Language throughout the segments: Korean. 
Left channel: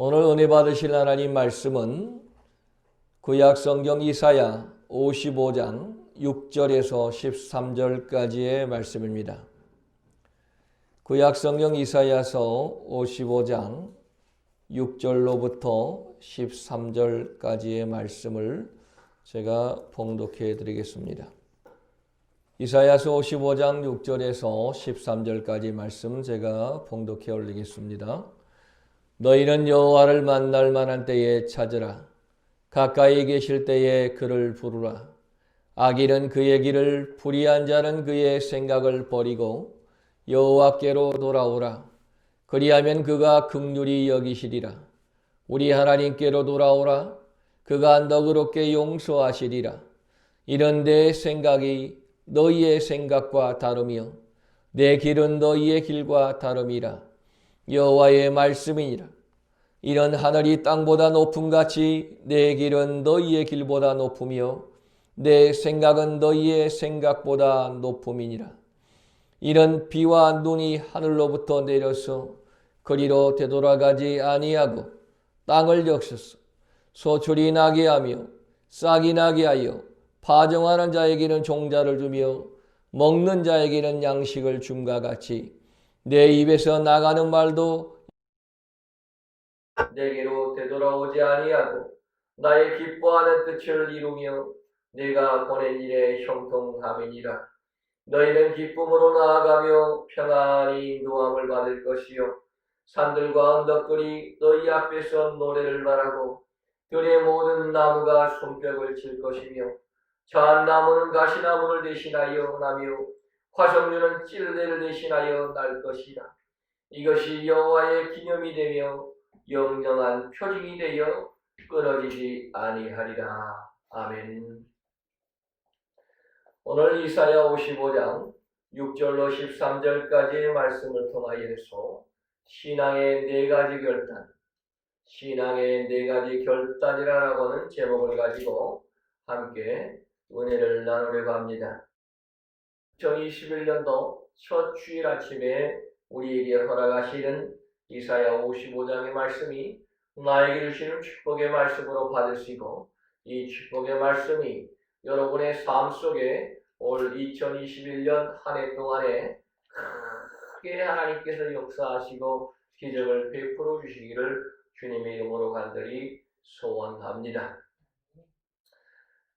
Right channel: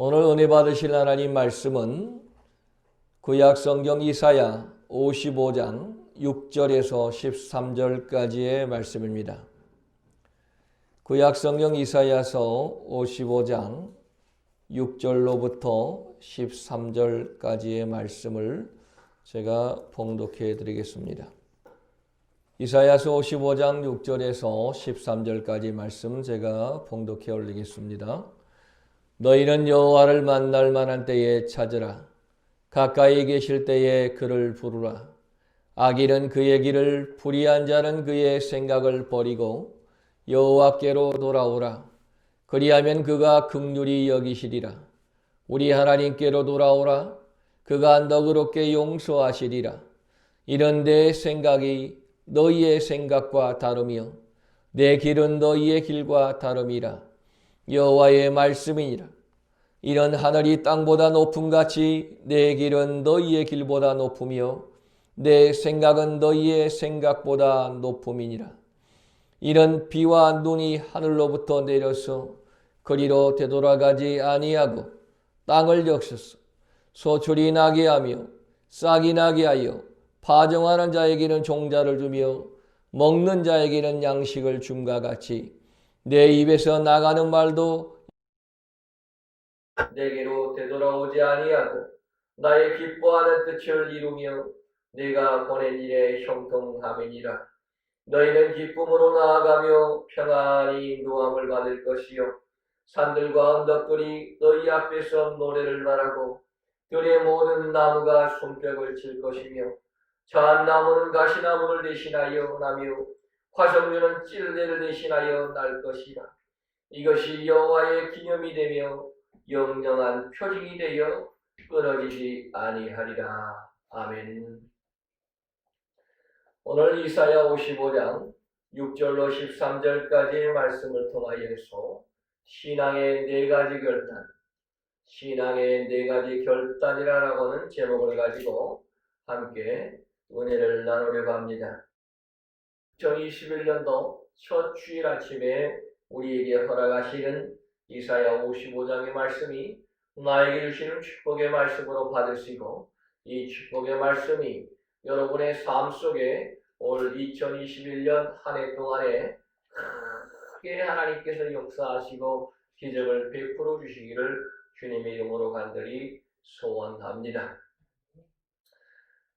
오늘 은혜 받으실 하나님 말씀은 구약 성경 이사야 55장 6절에서 13절까지의 말씀입니다. 구약 성경 이사야서 55장 6절로부터 13절까지의 말씀을 제가 봉독해 드리겠습니다. 이사야서 55장 6절에서 13절까지 말씀 제가 봉독해 올리겠습니다. 너희는 여호와를 만날 만한 때에 찾으라. 가까이 계실 때에 그를 부르라. 악인은 그의 길을, 불의한 자는 그의 생각을 버리고 여호와께로 돌아오라. 그리하면 그가 긍휼히 여기시리라. 우리 하나님께로 돌아오라. 그가 너그럽게 용서하시리라. 이런 내 생각이 너희의 생각과 다르며 내 길은 너희의 길과 다름이라. 여호와의 말씀이니라. 이런 하늘이 땅보다 높음같이 내 길은 너희의 길보다 높으며 내 생각은 너희의 생각보다 높음이니라. 이런 비와 눈이 하늘로부터 내려서 그리로 되돌아가지 아니하고 땅을 적셔서 소출이 나게 하며 싹이 나게 하여 파종하는 자에게는 종자를 주며 먹는 자에게는 양식을 줌과 같이 내 입에서 나가는 말도 내게로 되돌아오지 아니하고 나의 기뻐하는 뜻을 이루며 내가 보낸 일에 형통함이니라. 너희는 기쁨으로 나아가며 평안히 인도함을 받을 것이요 산들과 언덕들이 너희 앞에서 노래를 말하고 들의 모든 나무가 손뼉을 칠 것이며 자한나무는 가시나무를 대신하여 나며 화석류는 찔레를 대신하여 날 것이라. 이것이 여호와의 기념이 되며 영영한 표징이 되어 끊어지지 아니하리라. 아멘. 오늘 이사야 55장 6절로 13절까지의 말씀을 통하여서 신앙의 네 가지 결단, 신앙의 네 가지 결단이라고 하는 제목을 가지고 함께 은혜를 나누려고 합니다. 2021년도 첫 주일 아침에 우리에게 허락하시는 이사야 55장의 말씀이 나에게 주시는 축복의 말씀으로 받으시고 이 축복의 말씀이 여러분의 삶 속에 올 2021년 한 해 동안에 크게 하나님께서 역사하시고 기적을 베풀어 주시기를 주님의 이름으로 간절히 소원합니다.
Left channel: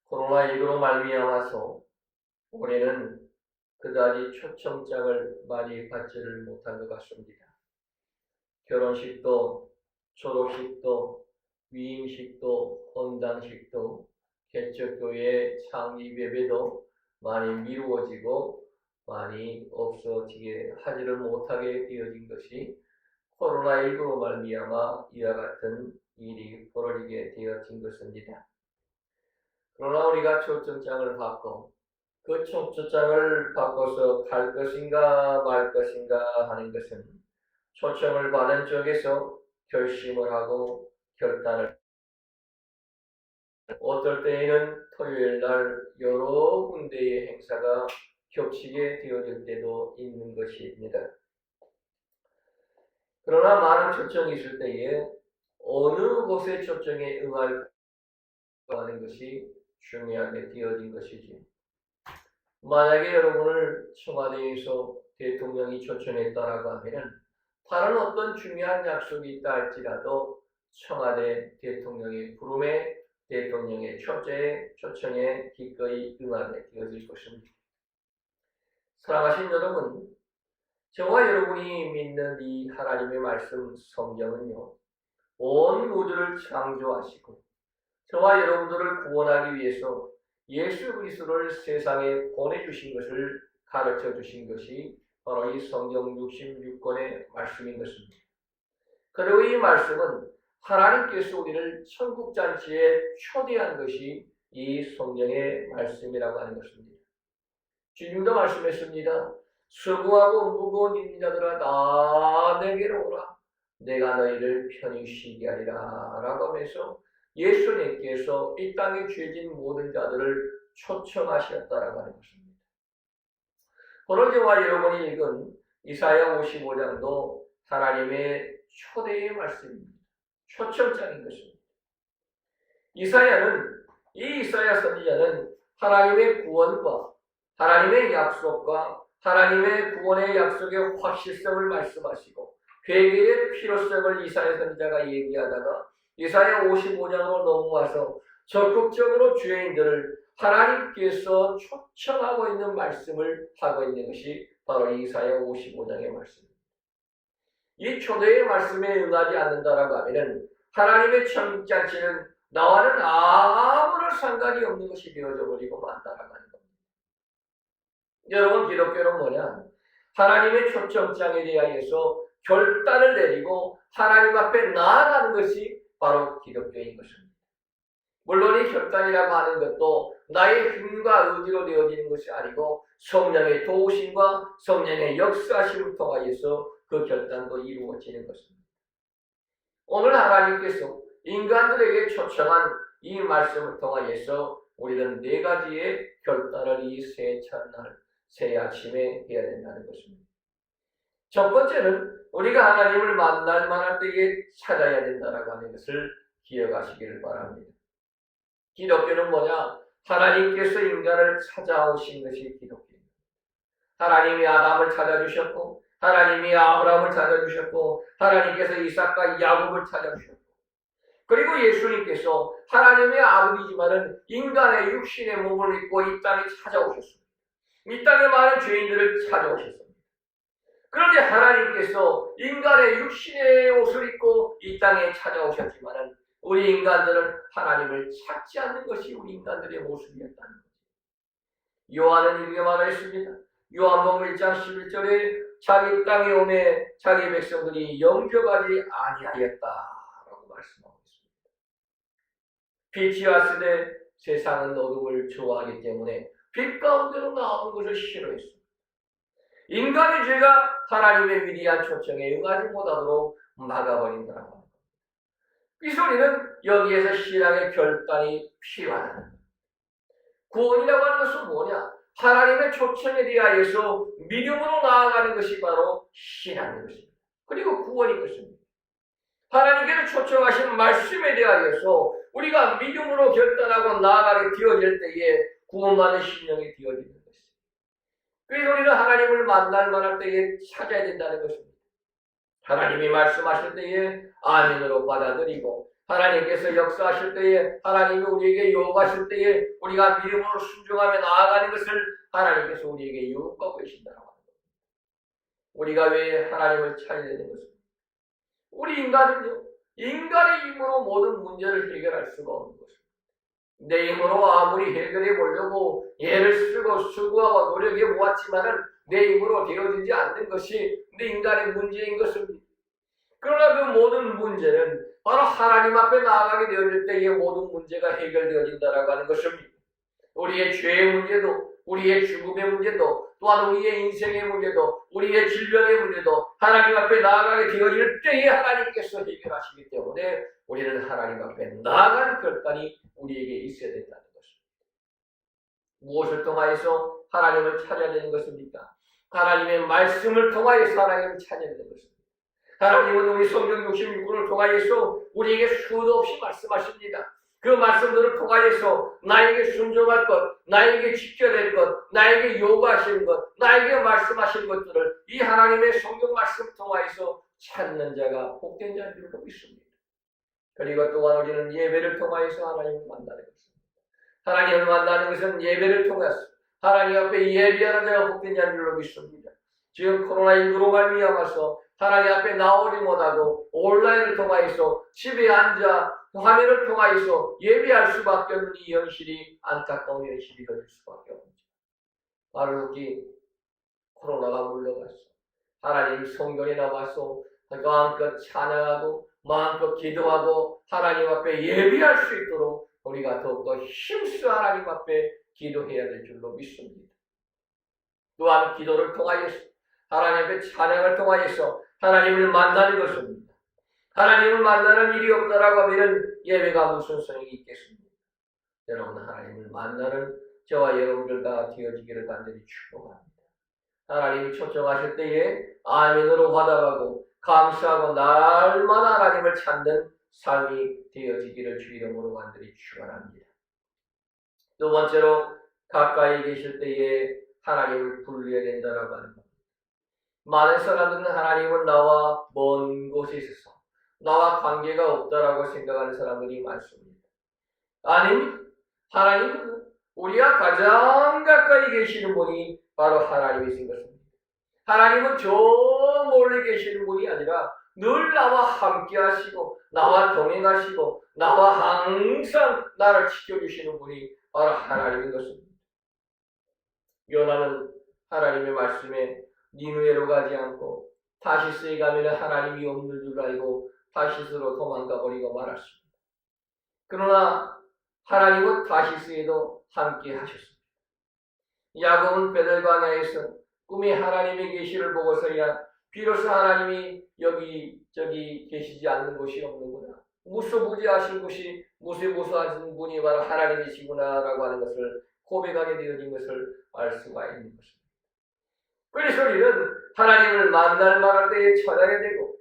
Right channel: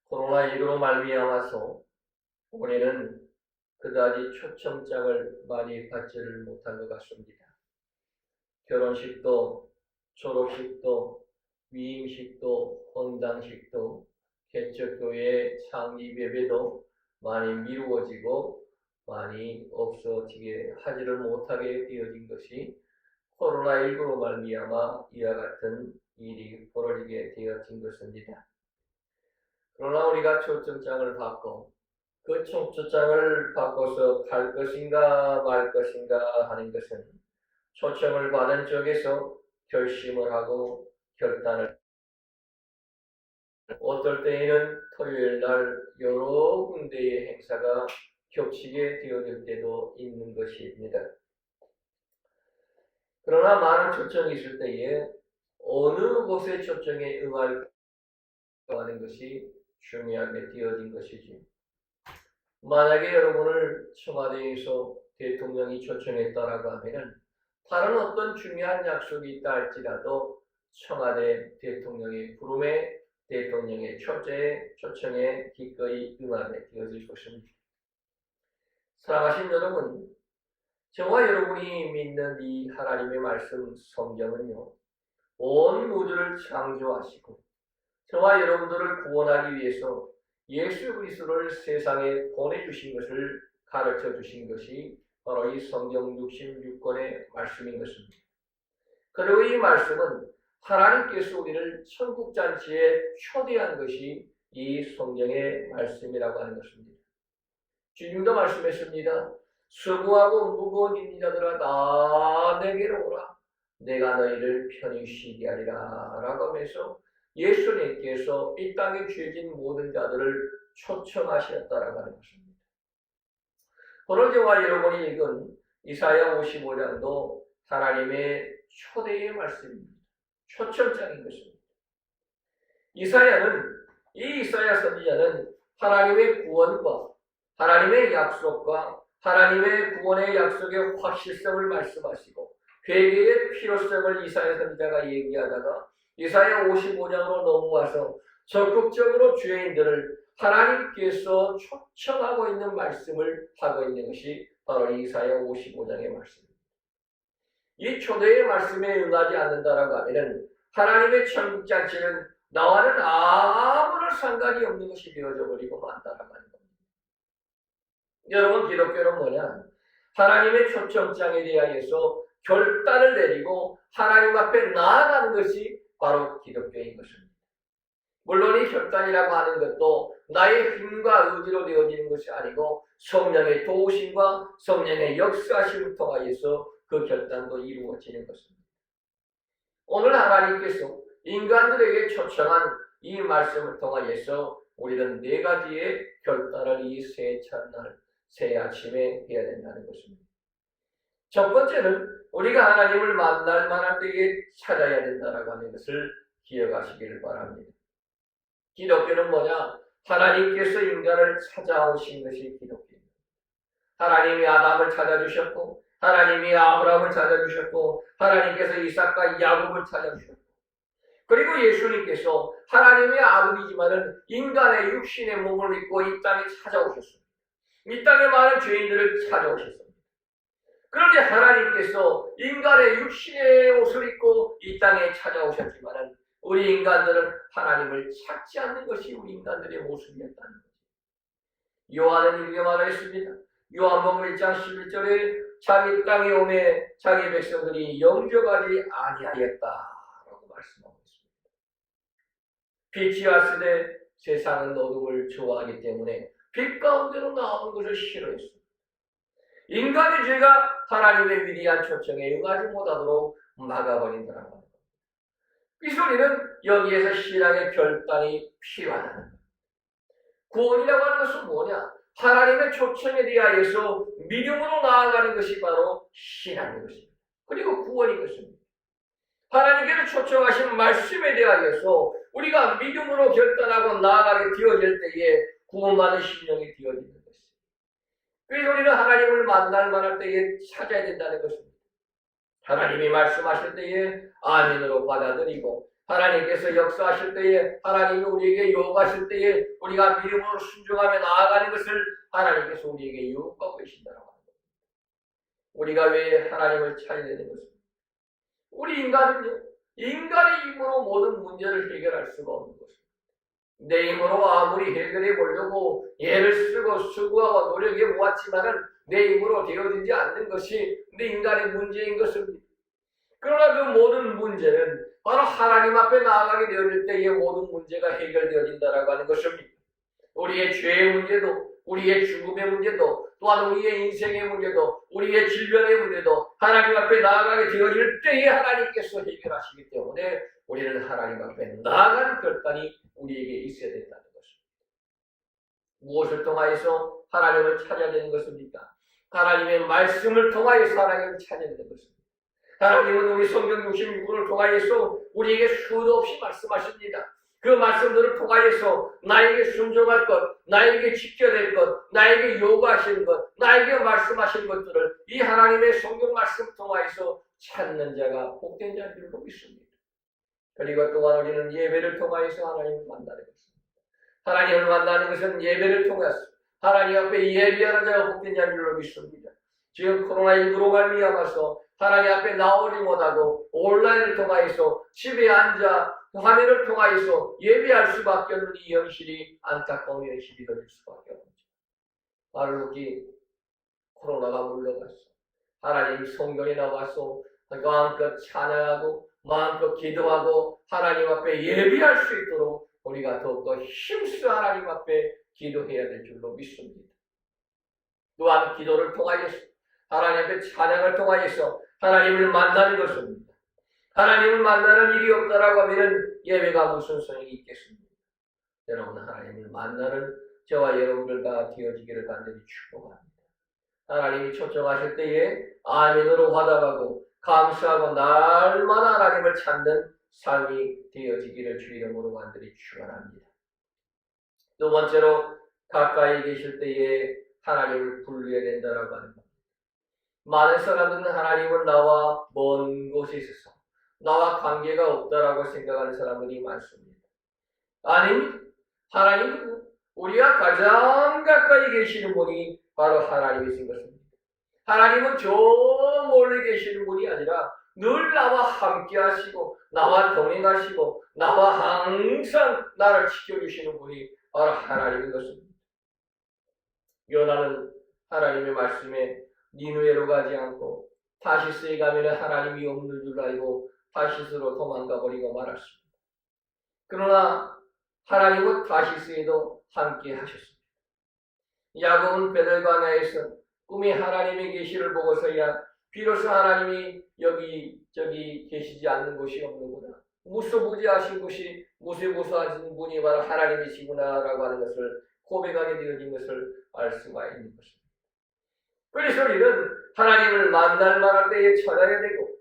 코로나19로 말미암아서 올해는 그다지 초청장을 많이 받지를 못한 것 같습니다. 결혼식도, 졸업식도, 위임식도, 헌당식도, 개척교회 창립 예배도 많이 미루어지고 많이 없어지게 하지를 못하게 되어진 것이 코로나19로 말미암아 이와 같은 일이 벌어지게 되어진 것입니다. 그러나 우리가 초청장을 받고 그 초청장을 바꿔서 갈 것인가 말 것인가 하는 것은 초청을 받은 쪽에서 결심을 하고 결단을 어떨 때에는 토요일 날 여러 군데의 행사가 겹치게 되어질 때도 있는 것입니다. 그러나 많은 초청이 있을 때에 어느 곳에 초청에 응할 하는 것이 중요하게 되어진 것이지. 만약에 여러분을 청와대에서 대통령이 초청했다라고 하면은 다른 어떤 중요한 약속이 있다 할지라도 청와대 대통령의 부름에 대통령의 초청에 기꺼이 응하게 되어질 것입니다. 사랑하신 여러분, 저와 여러분이 믿는 이 하나님의 말씀 성경은요, 온 우주를 창조하시고 저와 여러분들을 구원하기 위해서 예수 그리스도를 세상에 보내주신 것을 가르쳐 주신 것이 바로 이 성경 66권의 말씀인 것입니다. 그리고 이 말씀은 하나님께서 우리를 천국잔치에 초대한 것이 이 성경의 말씀이라고 하는 것입니다. 주님도 말씀했습니다. 수고하고 무거운 짐진 자들아 다 내게로 오라. 내가 너희를 편히 쉬게 하리라 라고 하면서 예수님께서 이 땅에 죄진 모든 자들을 초청하셨다라고 하는 것입니다. 오늘 저와 여러분이 읽은 이사야 55장도 하나님의 초대의 말씀입니다. 초점장인 것입니다. 이사야 선지자는 하나님의 구원과 하나님의 약속과 하나님의 구원의 약속의 확실성을 말씀하시고 회개의 필요성을 이사야 선지자가 얘기하다가 이사야 55장으로 넘어와서 적극적으로 죄인들을 하나님께서 초청하고 있는 말씀을 하고 있는 것이 바로 이사야 55장의 말씀입니다. 이 초대의 말씀에 응하지 않는다라고 하면 하나님의 천국잔치는 나와는 아무런 상관이 없는 것이 되어져 버리고 만다라고 하는 겁니다. 여러분, 기독교는 뭐냐? 하나님의 초청장에 대하여서 결단을 내리고 하나님 앞에 나아가는 것이 바로 기독교인 것입니다. 물론 이 결단이라고 하는 것도 나의 힘과 의지로 되어지는 것이 아니고 성령의 도우심과 성령의 역사심을 통하여서 그 결단도 이루어지는 것입니다. 오늘 하나님께서 인간들에게 초청한 이 말씀을 통하여서 우리는 네 가지의 결단을 이 새 첫날, 새 아침에 해야 된다는 것입니다. 첫 번째는 우리가 하나님을 만날 때에 찾아야 된다라고 하는 것을 기억하시기를 바랍니다. 기독교는 뭐냐? 하나님께서 인간을 찾아오신 것이 기독교입니다. 하나님이 아담을 찾아주셨고 하나님이 아브라함을 찾아주셨고 하나님께서 이삭과 야곱을 찾아주셨고 그리고 예수님께서 하나님의 아들이지만은 인간의 육신의 몸을 입고 이 땅에 찾아오셨습니다. 이 땅에 많은 죄인들을 찾아오셨습니다. 그런데 하나님께서 인간의 육신의 옷을 입고 이 땅에 찾아오셨지만은 우리 인간들은 하나님을 찾지 않는 것이 우리 인간들의 모습이었다는 거죠. 요한은 이렇게 말했습니다. 요한복음 1장 11절에 자기 땅에 오매 자기 백성들이 영접하지 아니하였다라고 말씀하고 있습니다. 빛이 왔을 때 세상은 어둠을 좋아하기 때문에 빛 가운데로 나오는 것을 싫어했습니다. 인간의 죄가 하나님의 위대한 초청에 응하지 못하도록 막아버린다는 겁니다. 이 소리는 여기에서 신앙의 결단이 필요하다. 구원이라고 하는 것은 뭐냐? 하나님의 초청에 대하여서 믿음으로 나아가는 것이 바로 신앙인 것입니다. 그리고 구원인 것입니다. 하나님께서 초청하신 말씀에 대하여서 우리가 믿음으로 결단하고 나아가게 되어질 때에 구원받는 심령이 되어지는 것입니다. 그래서 우리는 하나님을 만날 때에 찾아야 된다는 것입니다. 하나님이 말씀하실 때에 아멘으로 받아들이고 하나님께서 역사하실 때에 하나님이 우리에게 요구하실 때에 우리가 믿음으로 순종하며 나아가는 것을 하나님께서 우리에게 요구하고 계신다고 합니다. 우리가 왜 하나님을 찾아야 되는 것입니까? 우리 인간은요, 인간의 힘으로 모든 문제를 해결할 수가 없는 것입니다. 내 힘으로 아무리 해결해 보려고 애를 쓰고 수고하고 노력해 보았지만은 내 힘으로 되어지지 않는 것이 내 인간의 문제인 것입니다. 그러나 그 모든 문제는 바로 하나님 앞에 나아가게 되어질 때의 모든 문제가 해결되어진다라고 하는 것입니다. 우리의 죄의 문제도, 우리의 죽음의 문제도, 또한 우리의 인생의 문제도, 우리의 질병의 문제도 하나님 앞에 나아가게 되어질 때에 하나님께서 해결하시기 때문에 우리는 하나님 앞에 나아가는 결단이 우리에게 있어야 된다는 것입니다. 무엇을 통하여서 하나님을 찾아야 되는 것입니까? 하나님의 말씀을 통하여서 하나님을 찾아야 되는 것입니다. 하나님은 우리 성경 66권을 통하여서 우리에게 수도 없이 말씀하십니다. 그 말씀들을 통하여서 나에게 순종할 것, 나에게 지켜낼 것, 나에게 요구하시는 것, 나에게 말씀하신 것들을 이 하나님의 성경 말씀 통하여서 찾는 자가 복된 자인 줄로 믿습니다. 그리고 또한 우리는 예배를 통하여서 하나님을 만나는 것입니다. 하나님을 만나는 것은 예배를 통해서 하나님 앞에 예배하는 자가 복된 자인 줄로 믿습니다. 지금 코로나19로 말미암아서 하나님 앞에 나오지 못하고 온라인을 통하여서 집에 앉아 화면을 통하여서 예배할 수밖에 없는 이 현실이 안타까운 현실이 될 수밖에 없죠. 바로 여기 코로나가 물러갔어. 하나님 성경에 나와서 마음껏 찬양하고 마음껏 기도하고 하나님 앞에 예배할 수 있도록 우리가 더욱더 힘써 하나님 앞에 기도해야 될 줄로 믿습니다. 또한 기도를 통하여서 하나님의 찬양을 통하여서 하나님을 만나는 것입니다. 하나님을 만나는 일이 없다라고 하면 예배가 무슨 소용이 있겠습니까? 여러분, 하나님을 만나는 저와 여러분들과 되어지기를 간절히 축복합니다. 하나님이 초청하실 때에 아멘으로 화답하고 감사하고 날마다 하나님을 찾는 삶이 되어지기를 주 이름으로 간절히 축원합니다. 두 번째로 가까이 계실 때에 하나님을 불러야 된다라고 하는 겁니다. 많은 사람들은 하나님은 나와 먼 곳에 있어서 나와 관계가 없다라고 생각하는 사람들이 많습니다. 아닙니다. 하나님은 우리가 가장 가까이 계시는 분이 바로 하나님이신 것입니다. 하나님은 저 멀리 계시는 분이 아니라 늘 나와 함께 하시고 나와 동행하시고 나와 항상 나를 지켜주시는 분이 바로 하나님인 것입니다. 요나는 하나님의 말씀에 니느웨로 가지 않고 다시스에 가면 하나님이 없는 줄 알고 다시스로 도망가 버리고 말았습니다. 그러나 하나님은 다시스에도 함께 하셨습니다. 야곱은 베들바네에서 꿈이 하나님의 계시를 보고서야 비로소 하나님이 여기저기 계시지 않는 곳이 없는구나, 무소부지하신 곳이 무소부수하신 분이 바로 하나님이시구나라고 하는 것을 고백하게 되어진 것을 알 수가 있는 것입니다. 그래서 우리는 하나님을 만날 만할 때에 찾아야 되고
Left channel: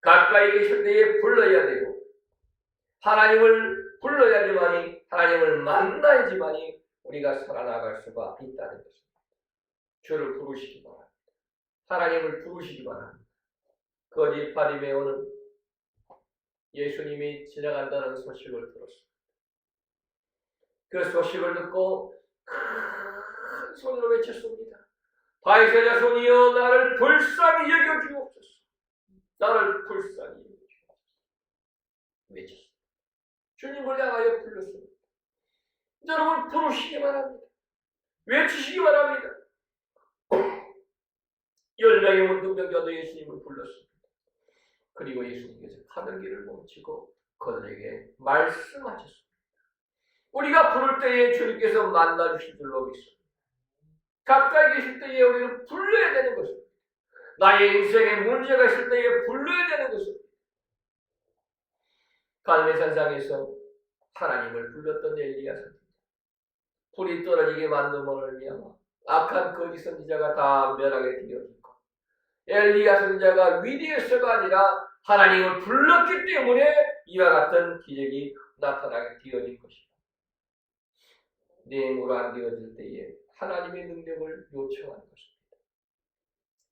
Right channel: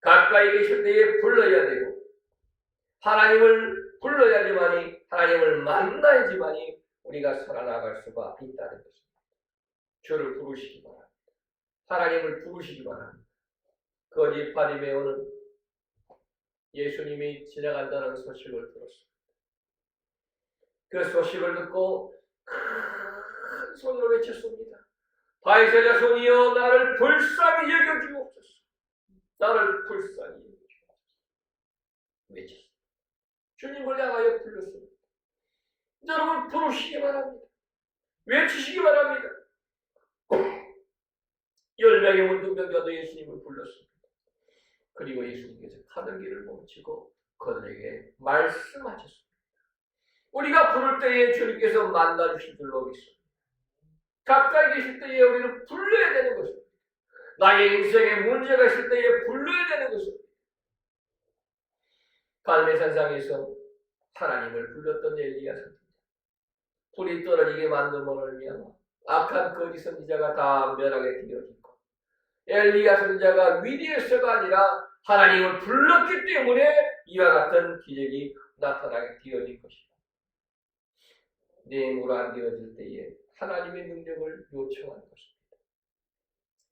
가까이 계실 때에 불러야 되고 하나님을 불러야지만이, 하나님을 만나야지만이 우리가 살아나갈 수가 있다는 것입니다. 주를 부르시기 바랍니다. 하나님을 부르시기 바랍니다. 거짓 바리매오는 예수님이 지나간다는 소식을 들었습니다. 그 소식을 듣고 큰 소리로 외쳤습니다. 다윗의 자손이여, 나를 불쌍히 여겨주옵소서. 나를 불쌍히 여겨주옵소서. 외쳤습니다. 주님을 향하여 불렀습니다. 여러분, 부르시기 바랍니다. 외치시기 바랍니다. 10명의 문둥병자도 예수님을 불렀습니다. 그리고 예수님께서 가는 길을 멈추고 그들에게 말씀하셨습니다. 우리가 부를 때에 주님께서 만나주실 줄로 믿습니다. 가까이 계실 때에 우리를 불러야 되는 것입니다. 나의 인생에 문제가 있을 때에 불러야 되는 것입니다. 갈멜산상에서 하나님을 불렀던 엘리야 선지자, 불이 떨어지게 만듦으로 말미암아 악한 거짓 선지자가 다 멸하게 되어지고, 엘리야 선지자가 위대해서가 아니라 하나님을 불렀기 때문에 이와 같은 기적이 나타나게 되어진 것이다. 내물로 안 되어질 때에 하나님의 능력을 요청하는 것입니다.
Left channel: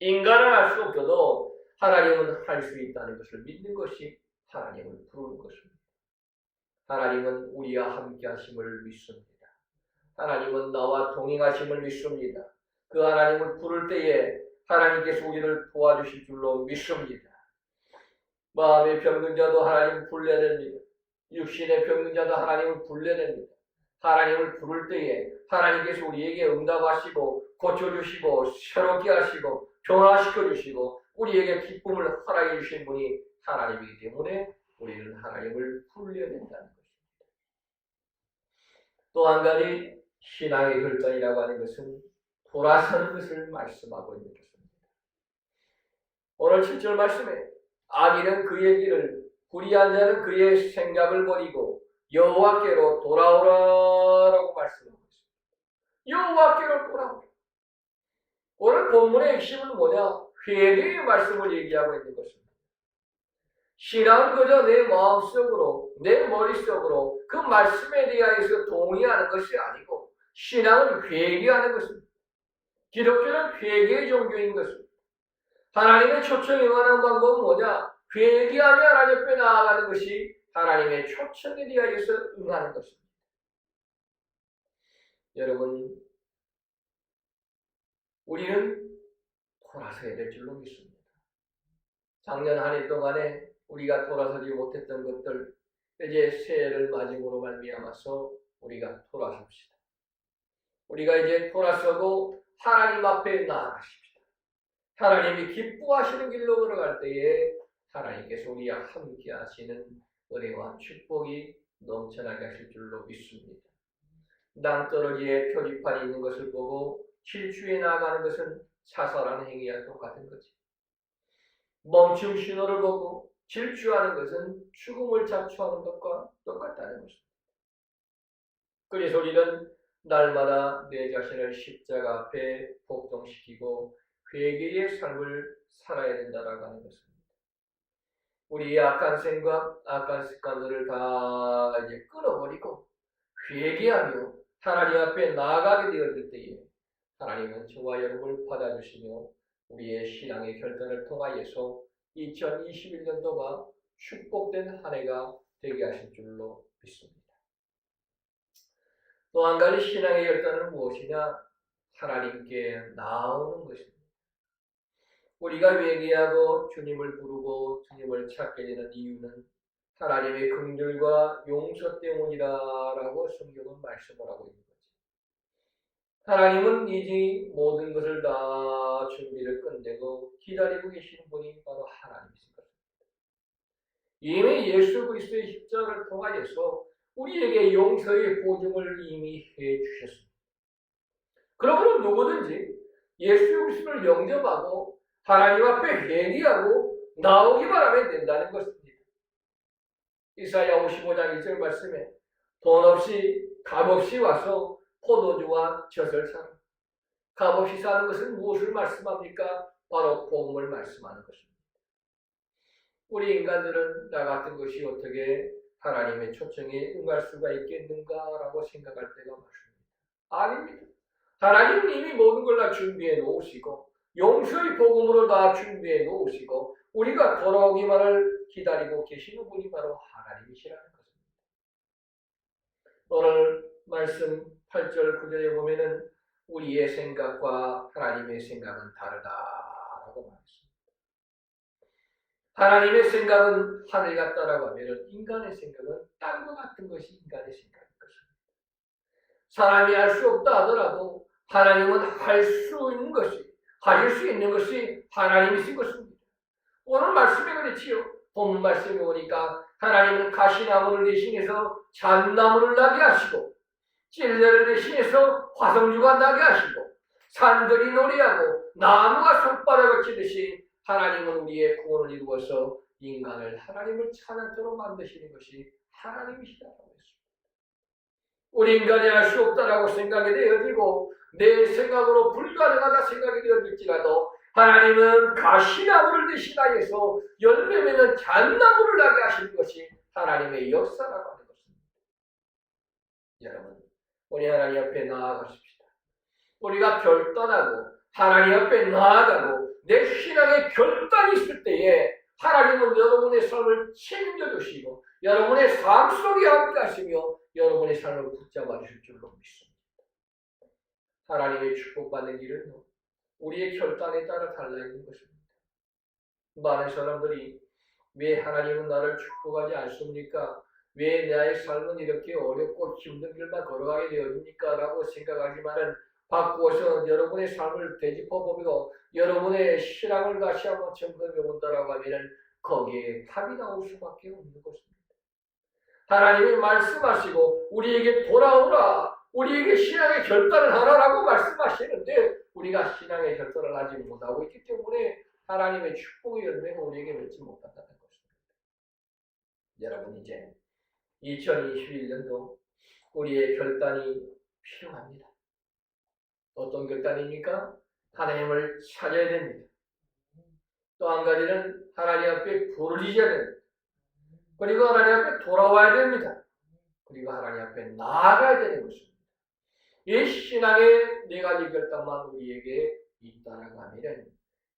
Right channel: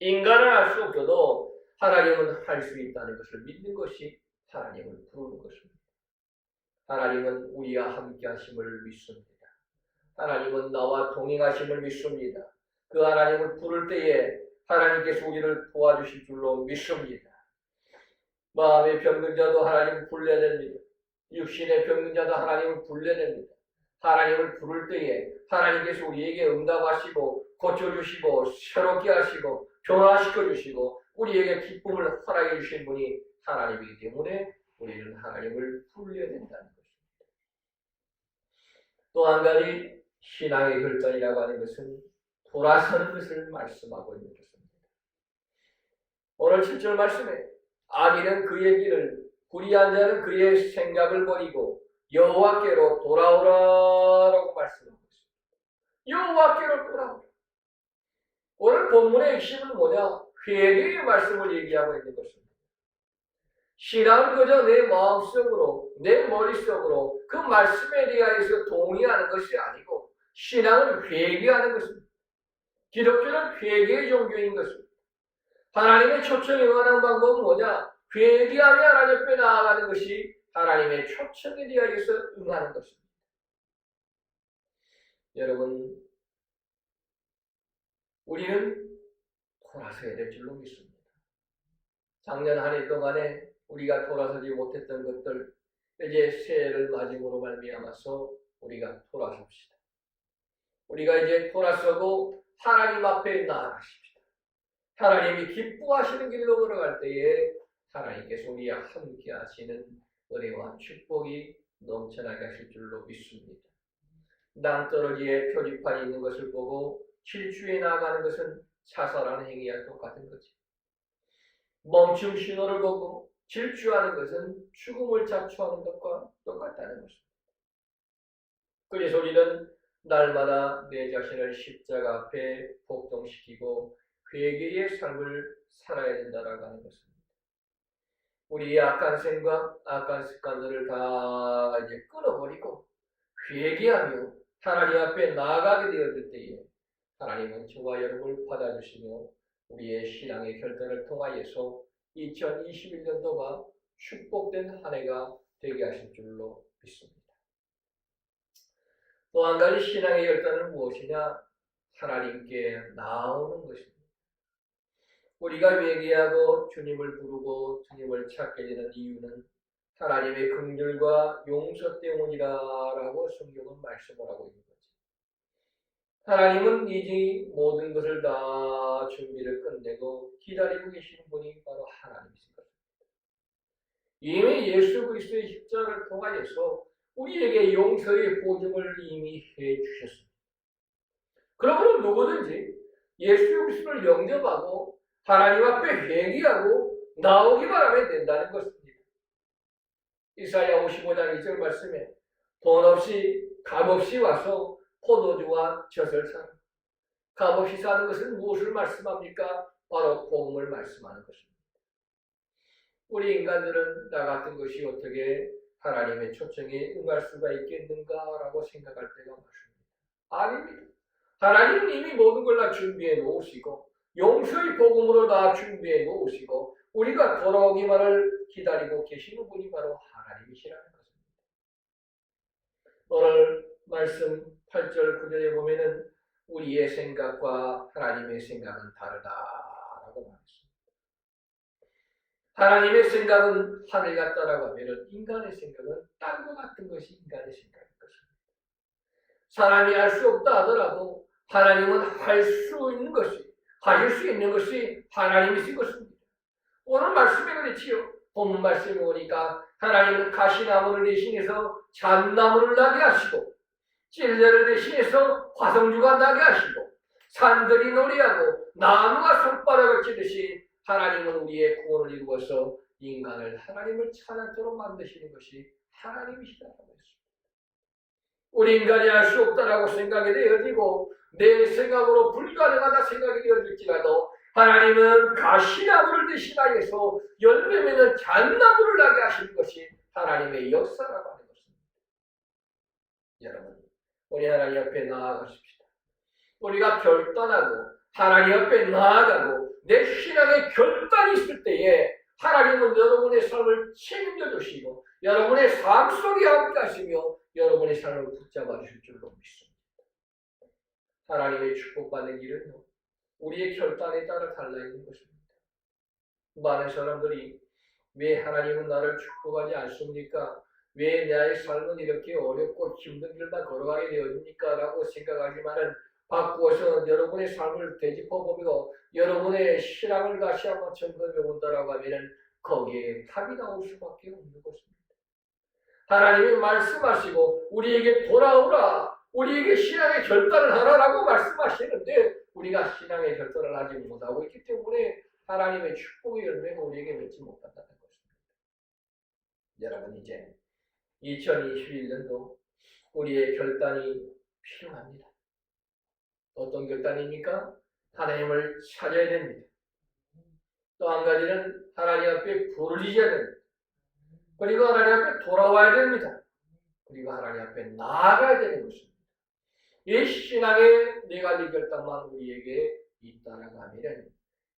인간은 할 수 없어도 하나님은 할 수 있다는 것을 믿는 것이 하나님을 부르는 것입니다. 하나님은 우리와 함께 하심을 믿습니다. 하나님은 나와 동행하심을 믿습니다. 그 하나님을 부를 때에 하나님께서 우리를 도와주실 줄로 믿습니다. 마음의 병든 자도 하나님을 불러야 됩니다. 육신의 병든 자도 하나님을 불러야 됩니다. 하나님을 부를 때에 하나님께서 우리에게 응답하시고 고쳐주시고 새롭게 하시고 변화시켜주시고 우리에게 기쁨을 허락해 주신 분이 하나님이기 때문에 우리는 하나님을 불러야 된다는 것입니다. 또 한 가지 신앙의 결단이라고 하는 것은 돌아서는 것을 말씀하고 있는 것입니다. 오늘 7절 말씀에 악인은 그의 길을, 불의한 자는 그의 생각을 버리고 여호와께로 돌아오라라고 말씀하고 있습니다. 여호와께로 돌아오라. 오늘 본문의 핵심은 뭐냐? 회개의 말씀을 얘기하고 있는 것입니다. 신앙은 그저 내 마음속으로, 내 머릿속으로 그 말씀에 대하여서 동의하는 것이 아니고 신앙은 회개하는 것입니다. 기독교는 회개의 종교인 것입니다. 하나님의 초청에 응하는 방법은 뭐냐? 회개하며 하나님 앞에 나아가는 것이 하나님의 초청에 대하여서 응하는 것입니다. 여러분, 우리는 돌아서야 될 줄로 믿습니다. 작년 한 해 동안에 우리가 돌아서지 못했던 것들, 이제 새해를 맞이으로 말미암아서 우리가 돌아섭시다. 우리가 이제 돌아서고 하나님 앞에 나아가십시다. 하나님이 기뻐하시는 길로 걸어갈 때에 하나님께서 우리와 함께 하시는 은혜와 축복이 넘쳐나게 하실 줄로 믿습니다. 낭떠러지에 표지판이 있는 것을 보고 질주해 나가는 것은 자살하는 행위와 똑같은 거지. 멈춤 신호를 보고 질주하는 것은 죽음을 자초하는 것과 똑같다는 것입니다. 그래서 우리는 날마다 내 자신을 십자가 앞에 복종시키고 회개의 삶을 살아야 된다라고 하는 것입니다. 우리의 악한 생각, 악한 습관들을 다 이제 끊어버리고 회개하며 하나님 앞에 나아가게 되었을 때에 하나님은 저와 여러분을 받아주시며 우리의 신앙의 결단을 통하여서 2021년도가 축복된 한 해가 되게 하실 줄로 믿습니다. 또 한 가지 신앙의 결단은 무엇이냐? 하나님께 나아오는 것입니다. 우리가 회개하고 주님을 부르고 주님을 찾게 되는 이유는 하나님의 긍휼과 용서 때문이라고 성경은 말씀을 하고 있는 거죠. 하나님은 이제 모든 것을 다 준비를 끝내고 기다리고 계시는 분이 바로 하나님이신 것입니다. 이미 예수 그리스도의 십자가를 통하여서 우리에게 용서의 보증을 이미 해 주셨습니다. 그러므로 누구든지 예수 그리스도를 영접하고 하나님 앞에 회개하고 나오기만 하면 된다는 것입니다. 이사야 55장 1절 말씀에 돈 없이 값 없이 와서 포도주와 젖을 사라. 값 없이 사는 것은 무엇을 말씀합니까? 바로 복음을 말씀하는 것입니다. 우리 인간들은 나 같은 것이 어떻게 하나님의 초청에 응할 수가 있겠는가라고 생각할 때가 많습니다. 아닙니다. 하나님은 이미 모든 걸 다 준비해 놓으시고 용서의 복음으로 다 준비해 놓으시고 우리가 돌아오기만을 기다리고 계시는 분이 바로 하나님이시라는 것입니다. 오늘 말씀 8절 9절에 보면은 우리의 생각과 하나님의 생각은 다르다라고 말했습니다. 하나님의 생각은 하늘 같다라고 하면은 인간의 생각은 땅과 같은 것이 인간의 생각인 것입니다. 사람이 할 수 없다 하더라도 하나님은 할 수 있는 것이 가질 수 있는 것이 하나님이신 것입니다. 오늘 말씀에 그렇지요. 본문 말씀에 보니까 하나님은 가시나무를 대신해서 잣나무를 나게 하시고 찔레를 대신해서 화성류가 나게 하시고 산들이 노래하고 나무가 손바닥을 치듯이 하나님은 우리의 구원을 이루어서 인간을 하나님을 찬양토록 만드시는 것이 하나님이시다라고 했습니다. 우리 인간이 할 수 없다라고 생각이 되어지고 내 생각으로 불가능하다 생각이 되어질지라도 하나님은 가시나무를 대신하여서 열매 맺는 잣나무를 나게 하시는 것이 하나님의 역사라고 하는 것입니다. 여러분, 우리 하나님 앞에 나아가십시다. 우리가 결단하고 하나님 앞에 나아가고 내 신앙의 결단이 있을 때에 하나님은 여러분의 삶을 책임져 주시고 여러분의 삶 속에 함께 하시며 여러분의 삶을 붙잡아 주실 줄로 믿습니다. 하나님의 축복받는 길은요, 우리의 결단에 따라 달라있는 것입니다. 많은 사람들이 왜 하나님은 나를 축복하지 않습니까? 왜 나의 삶은 이렇게 어렵고 힘든 길만 걸어가게 되어집니까? 라고 생각하지만은 바꾸어서 여러분의 삶을 되짚어보며 여러분의 신앙을 다시 한번 점검해 본다라고 하면은 거기에 답이 나올 수밖에 없는 것입니다. 하나님이 말씀하시고 우리에게 돌아오라, 우리에게 신앙의 결단을 하라라고 말씀하시는데 우리가 신앙의 결단을 하지 못하고 있기 때문에 하나님의 축복의 열매가 우리에게 맺지 못한다는 것입니다. 여러분, 이제 2021년도 우리의 결단이 필요합니다. 어떤 결단입니까? 하나님을 찾아야 됩니다. 또 한 가지는 하나님 앞에 부르짖어야 됩니다. 그리고 하나님 앞에 돌아와야 됩니다. 그리고 하나님 앞에 나아가야 되는 것입니다. 이 신앙의 네 가지 결단만 우리에게 있다라고 하면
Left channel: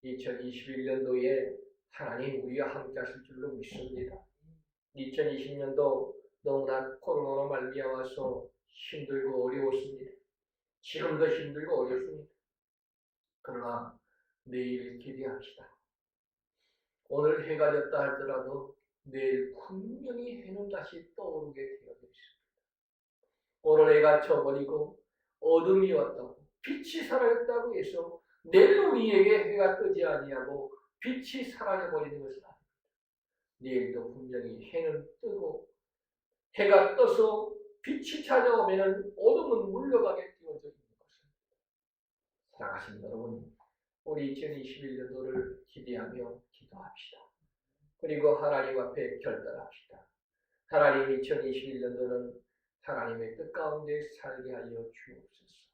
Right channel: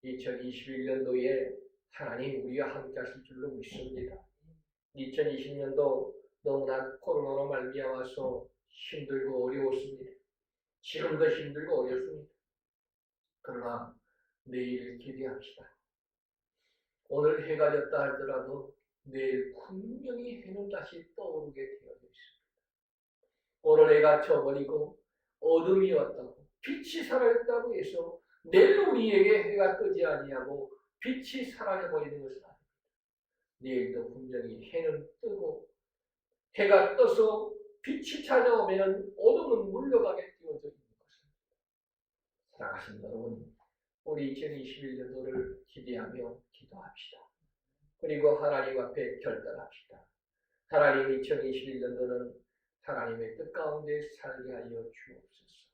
2021년도에 하나님 우리와 함께 하실 줄로 믿습니다. 2020년도 너무나 코로나로 말미암아서 힘들고 어려웠습니다. 지금도 힘들고 어렵습니다. 그러나 내일을 기대합시다. 오늘 해가 졌다 할지라도 내일 분명히 해는 다시 떠오르게 되어 있습니다. 오늘 해가 져버리고 어둠이 왔다고 빛이 사라졌다고 해서 내일 우리에게 해가 뜨지 아니하고 빛이 사라져버리는 것은 아닙니다. 내일도 분명히 해는 뜨고 해가 떠서 빛이 찾아오면 어둠은 물러가게 되어져 있는 것입니다. 사랑하신 여러분, 우리 2021년도를 기대하며 기도합시다. 그리고 하나님 앞에 결단합시다. 하나님 2021년도는 하나님의 뜻 가운데 살게 하여 주옵소서.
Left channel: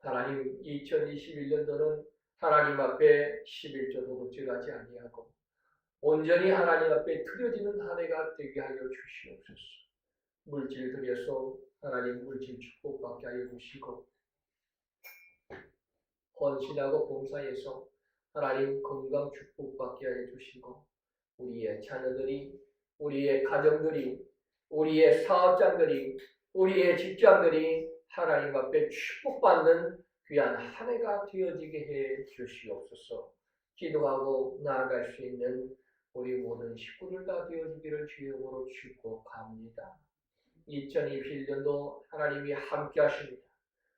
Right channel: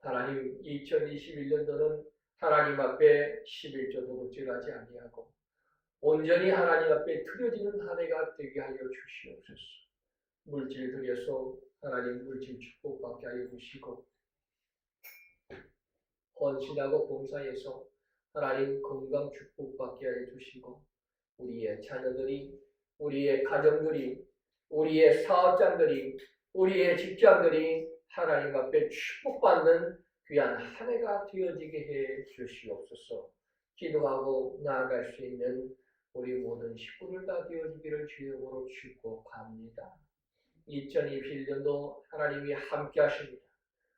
하나님 2021년도는 하나님 앞에 11조 도둑질하지 아니하고 온전히 하나님 앞에 드려지는 한 해가 되게 하여 주시옵소서. 물질 드려서 하나님 물질 축복받게 하여 주시고, 헌신하고 봉사해서 하나님 건강 축복받게 하여 주시고, 우리의 자녀들이, 우리의 가정들이, 우리의 사업장들이, 우리의 직장들이 하나님 앞에 축복받는 귀한 한 해가 되어지게 해 주시옵소서. 기도하고 나아갈 수 있는 우리 모든 식구들 다 되어지기를 주의 이름으로 축복합니다. 2021년도 하나님이 함께 하십니다.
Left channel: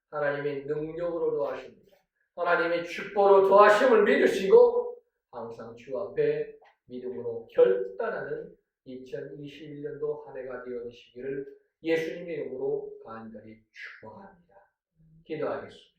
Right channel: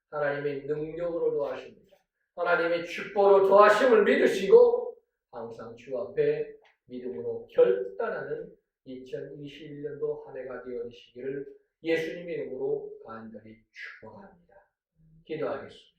하나님의 능력으로 도와십니다. 하나님의 축복으로 도와심을 믿으시고 항상 주 앞에 믿음으로 결단하는 2021년도 한 해가 되어지시기를 예수님의 이름으로 간절히 축복합니다. 기도하겠습니다.